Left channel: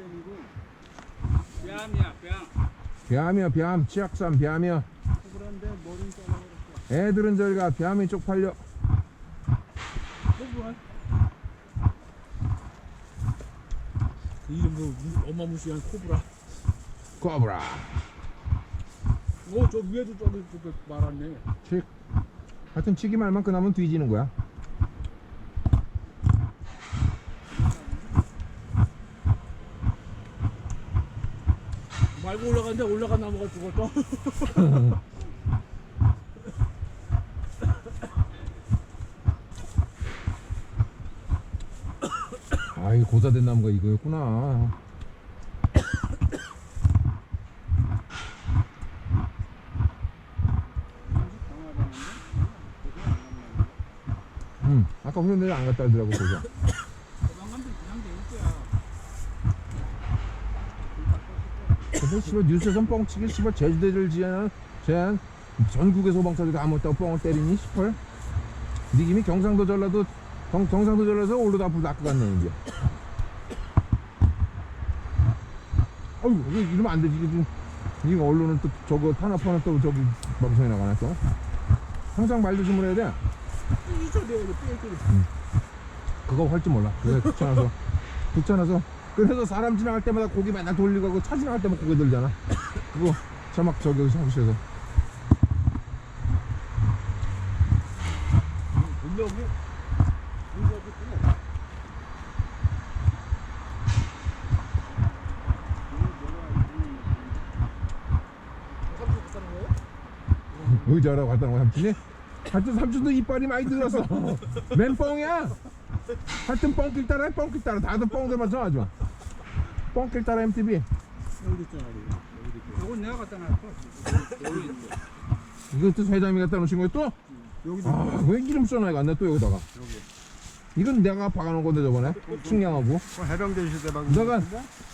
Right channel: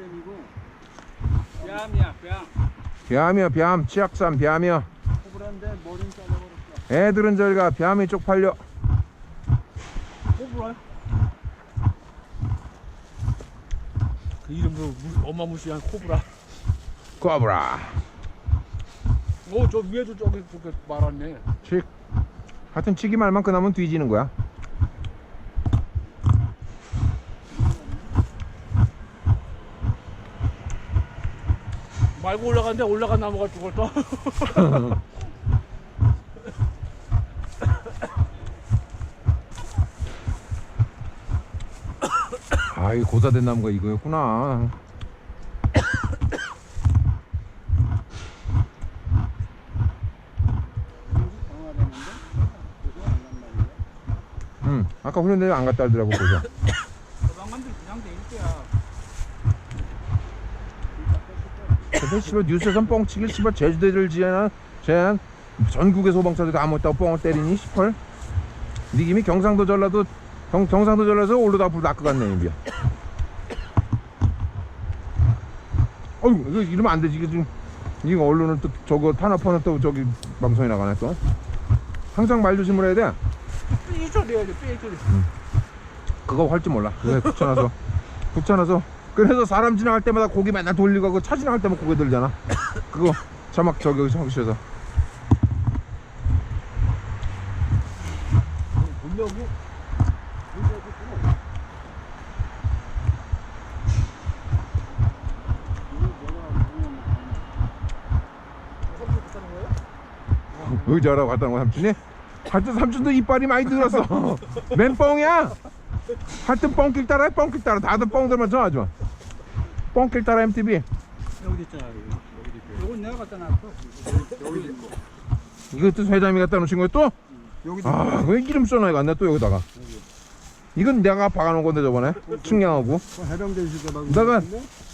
코브라뱀이고 뺨이야 뺨. 뱀이야 뱀 치악산 뱀이야 코브라인데 머리는 잘라버렸어. 애들은 저리가 뱀이 쪽팔려 코브라. 그 이름도 무, 어마무시한 코브라. 꼬브라 오, 저 위에도 저기 저기 말았네. 칙 하여튼 치기 말만 그나면 뒤지는 거야 말고 올라갔는데 올라간 나무가 죽었어. 아이 고사된 나무가 이거였구나. 응 아까 훈련대를 안 갔다 하더라고 고사 소방관들 그냥 돼 있대야. 근데 씨발 뉴스에선 뻥치길 씨발 제주도를 지어야 제한 전국의 소방차들이 다 못다고 뻥을 때리니 씨발. 니김이 경상도 전라도 경, 경상도 전라도 올로도 앞으로 낚고 갔네 이비야 어휴 이거 이러면 안 되지 이거 지금. 이거 언론은 또 저거 탄압하는 또 저기 방송에 나가네 또. 항상 말 조심을 해야 돼. 이 소리야지 삐끼리. 그거 할 줄 몰라. 그게 붙여놔서. 붙여놔서 그래서 사람 지나갈 때마다 고기 맨날 돌리고 하고 차 지나갈 때만 고개 들잖아. 그거 자막 저기 여기서 싫어서. 분명히 문제가 있구나. 의자라고 갔다 온거 삼촌이? 하여튼 삼촌도 이빨이 많이 들었어. 맨 뻥이야 하여튼 뻥길 따라 해, 뻥길 따라 다들 뻥들만 정하지 마 뻥길 따라 MTV 여기 있잖아 여기. 여기. 요건 내가 갖다 놨어. 여기 있는 거. 이것도 회장님이 갖다 놓으신 거야 또? 여기 아, 그 이름 써놔야 갔네 또 여기다가 이건 내가 박아놓은 건데 저번에 측량하고 해병대 있을 때 막. 내가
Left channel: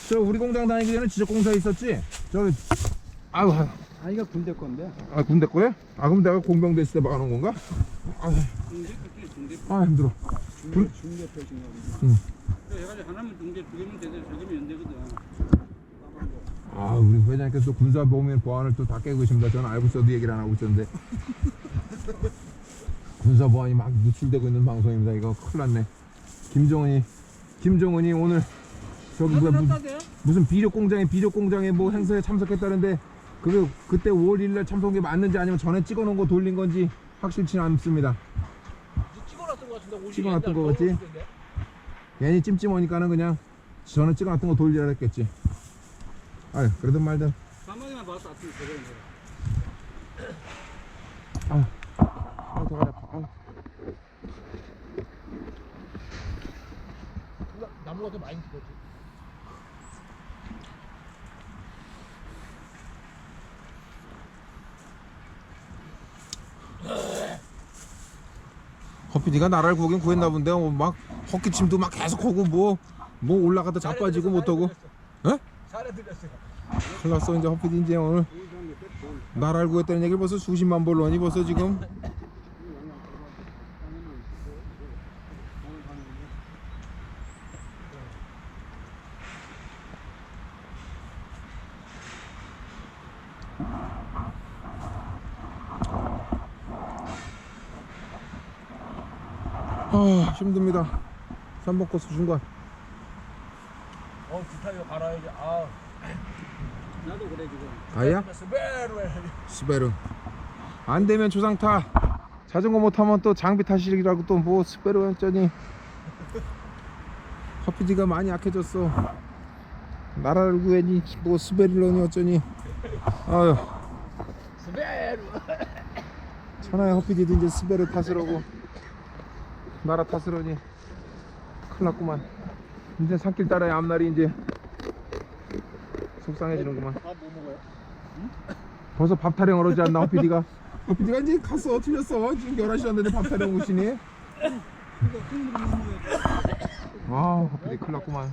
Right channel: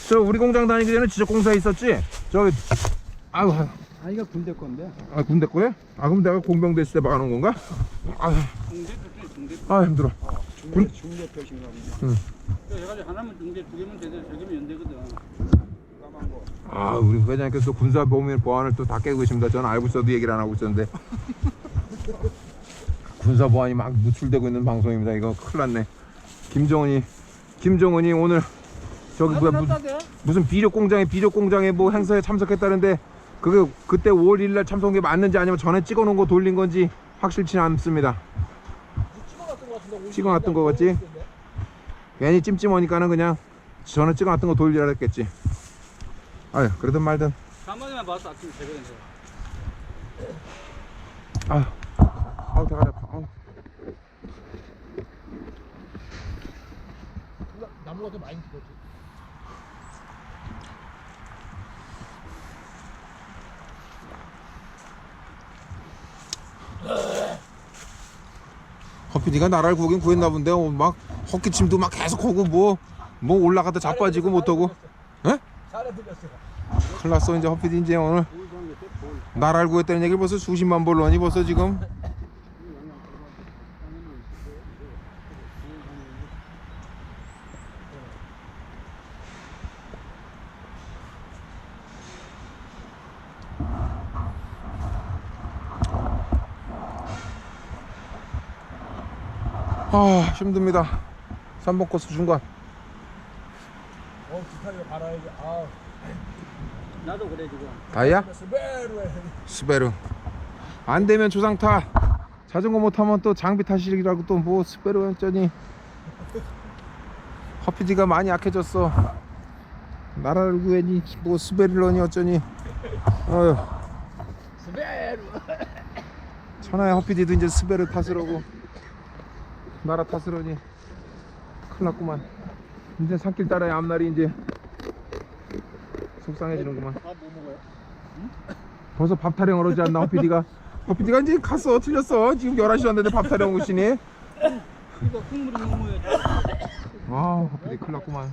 저 우리 공장 다니기 전에 지적공사에 있었지 저기 아유 아 이거 군대 건데. 아 군대 거야? 아 그럼 내가 공병대 있을 때 박아놓은 건가? 아, 중대. 아 힘들어 중 대 중대 표시인가 보지. 응. 해가지고 하나면 중대 두 개면 제대로 세 개면 연대거든. 까만 거. 아 우리 회장님께서 또 군사 보면 보안을 또 다 깨고 계십니다 저는 알고 있어도 얘기를 안 하고 있었는데 군사 보안이 막 노출되고 있는 방송입니다 이거 큰일 났네 김정은이 김정은이 오늘 저기 뭐야 무, 무슨 비료 공장에 비료 공장에 뭐 행사에 참석했다는데 그게 그때 5월 1일 날 참석한 게 맞는지 아니면 전에 찍어놓은 거 돌린 건지 확실치 않습니다 찍어놨던 거 같지? 괜히 찜찜하니까는 그냥 전에 찍어놨던 거 돌리라 했겠지 아유 그러든 말든 가만히만 봤어 아침에 새벽에. 아유 아우 대가리 아파 아우. 나무가 더 많이 죽었지. 허피디가 나라를 구하긴 구했나 본데 어, 막 헛기침도 막 계속 하고 뭐뭐 올라가다 자빠지고 못하고 들렸어. 큰일 났어 이제 허피디 이제 오늘. 나라를 구했다는 얘기를 벌써 수십만 벌러니 벌써 지금 아 힘듭니다 3번 코스 중간 어 기타 이거 갈아야지. 아. 나도 그래 지금. 다이야? 스베르 해. 스베르 안 되면 조상타 자전거 못 타면 또 장비 타시라고 또 뭐 스베르 했더니 허피디가 많이 약해졌어 나라를 구해니 뭐 스베르러니 어쩌니 아유 스베르. 천하의 허피디도 이제 스베르 탓으로고 나라 탓으로니 큰일 났구만. 이제 산길 따라의 앞날이 이제 속상해지는구만. 밥 뭐 먹어요? 벌써 밥 타령 오지 않나 허피디가? 허피디가 이제 갔어. 틀렸어. 지금 11시 왔는데 밥 타령 오시니? 국물이 너무해. 아 허피디 큰일 났구만.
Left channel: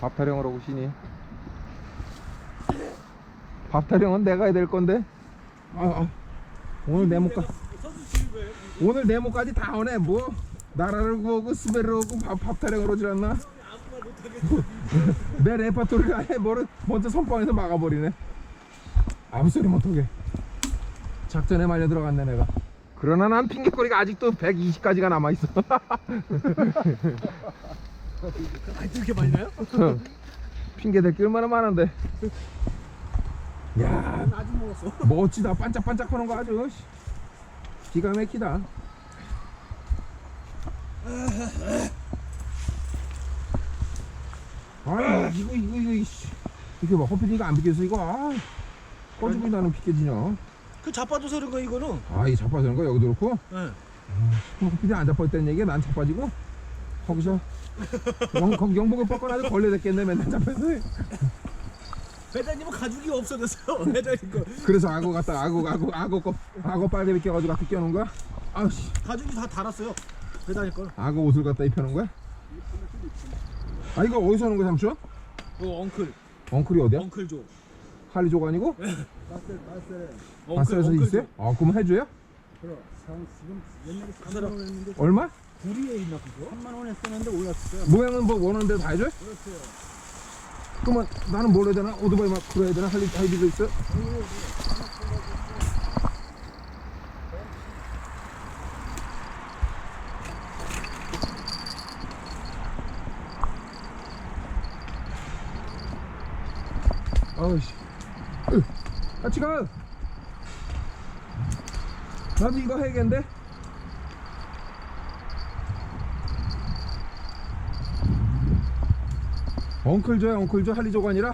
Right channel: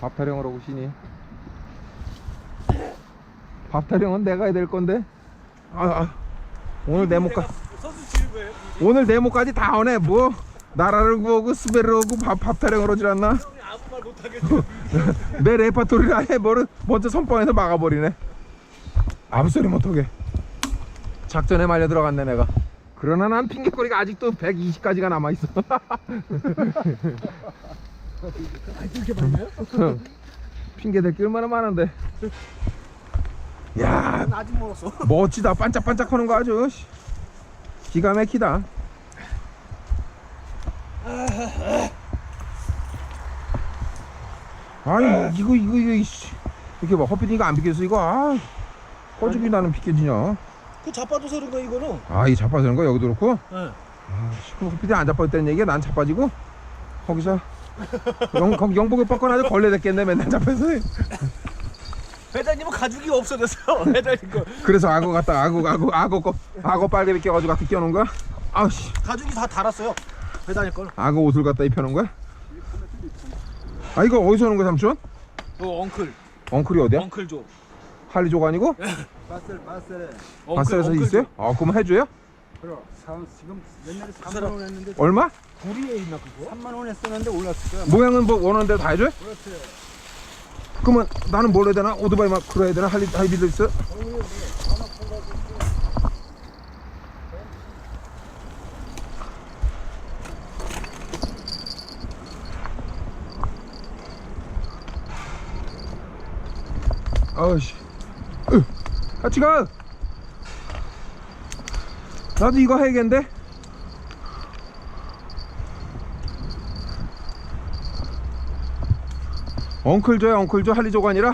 밥 타령을 오시니? 밥 타령은 내가 해야 될 건데? 아, 아. 오늘 내 거예요? 오늘 내 목까지 다 오네. 뭐 나라를 구하고 스베르 오고 밥, 밥 타령을 오질 않나? 내 레파토리를 아예 뭐를 먼저 선빵에서 막아버리네. 아무 소리 못하게. 작전에 말려 들어갔네 내가. 그러나 난 핑계거리가 아직도 120까지가 남아있어. 이렇게 많이 나요? 핑계댈 게 얼마나 많은데. 야 아직 멀었어. 멋지다. 반짝반짝 하는 거 아주 씨. 기가 막히다. 아니 이거 이거 이거 이씨. 이렇게 막 허피디가 안 비켜서 이거 아 꺼주기 나는 비켜지냐? 그 자빠져서 그런 거 이거는. 아이 자빠지는 거 여기도 그렇고? 예. 그럼 허피디 안 자빠졌다는 얘기야? 난 자빠지고? 거기서? 영, 거기 영복을 뻗거나 아주 걸레 됐겠네 맨날 잡혀서 회장님은 가죽이 없어졌어요. 회장님 거. 그래서 악어 갖다 악어 악어 악어 거 악어 빨개 비껴가지고 갖다 끼워놓은 거야 아우씨 가죽이 다 달았어요. 회장님 걸. 악어 옷을 갖다 입혀놓은 거야? 아 이거 어디서 오는 거야 삼촌? 어 엉클. 엉클이 어디야? 엉클조. 할리조가 아니고? 바셀 바셀 바셀에서 있어요? 아 그럼 해줘요? 그럼 사- 지금 옛날에 그 사람. 3만 원 했는데 얼마? 구리에 있나 그거? 3만 원 했었는데 올랐을 거야 모양은 뭐 원하는 대로 다 해줘요? 그렇지 그러면 나는 뭘 해야 되나? 오토바이 막 끌어야 되나? 할리, 하이비도 있어? 아우씨 으, 같이 가 나도 이거 해야겠는데 엉클조야 엉클조. 할리조가 아니라.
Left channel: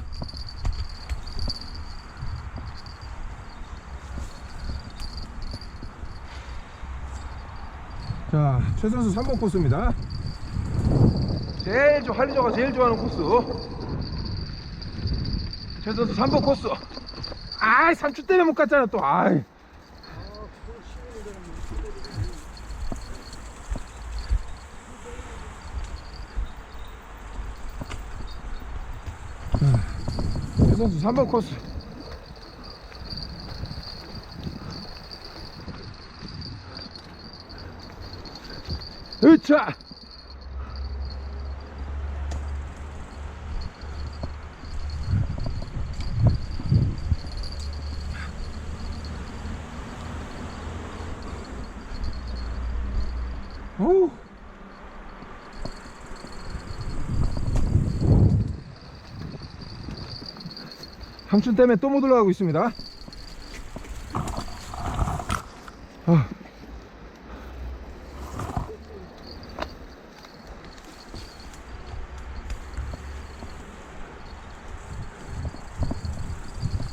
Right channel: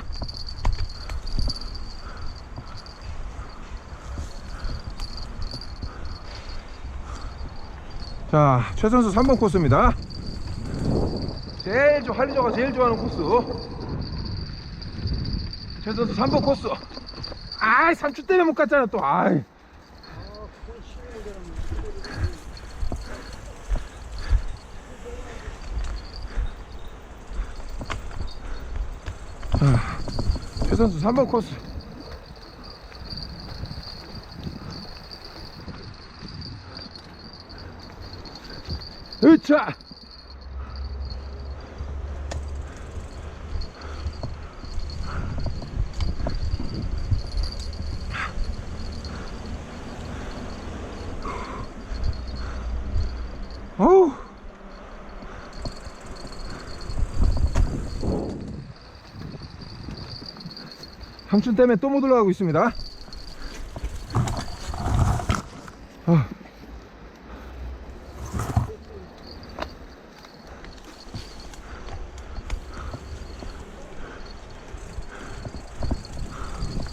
자 최선수 3번 코스입니다. 제일 좋 할리조가 제일 좋아하는 코스. 최선수 3번 코스. 아이 삼촌 때문에 못 갔잖아 또. 아이 최선수 3번 코스. 으차 삼촌 때문에 또 못 올라가고 있습니다. 아.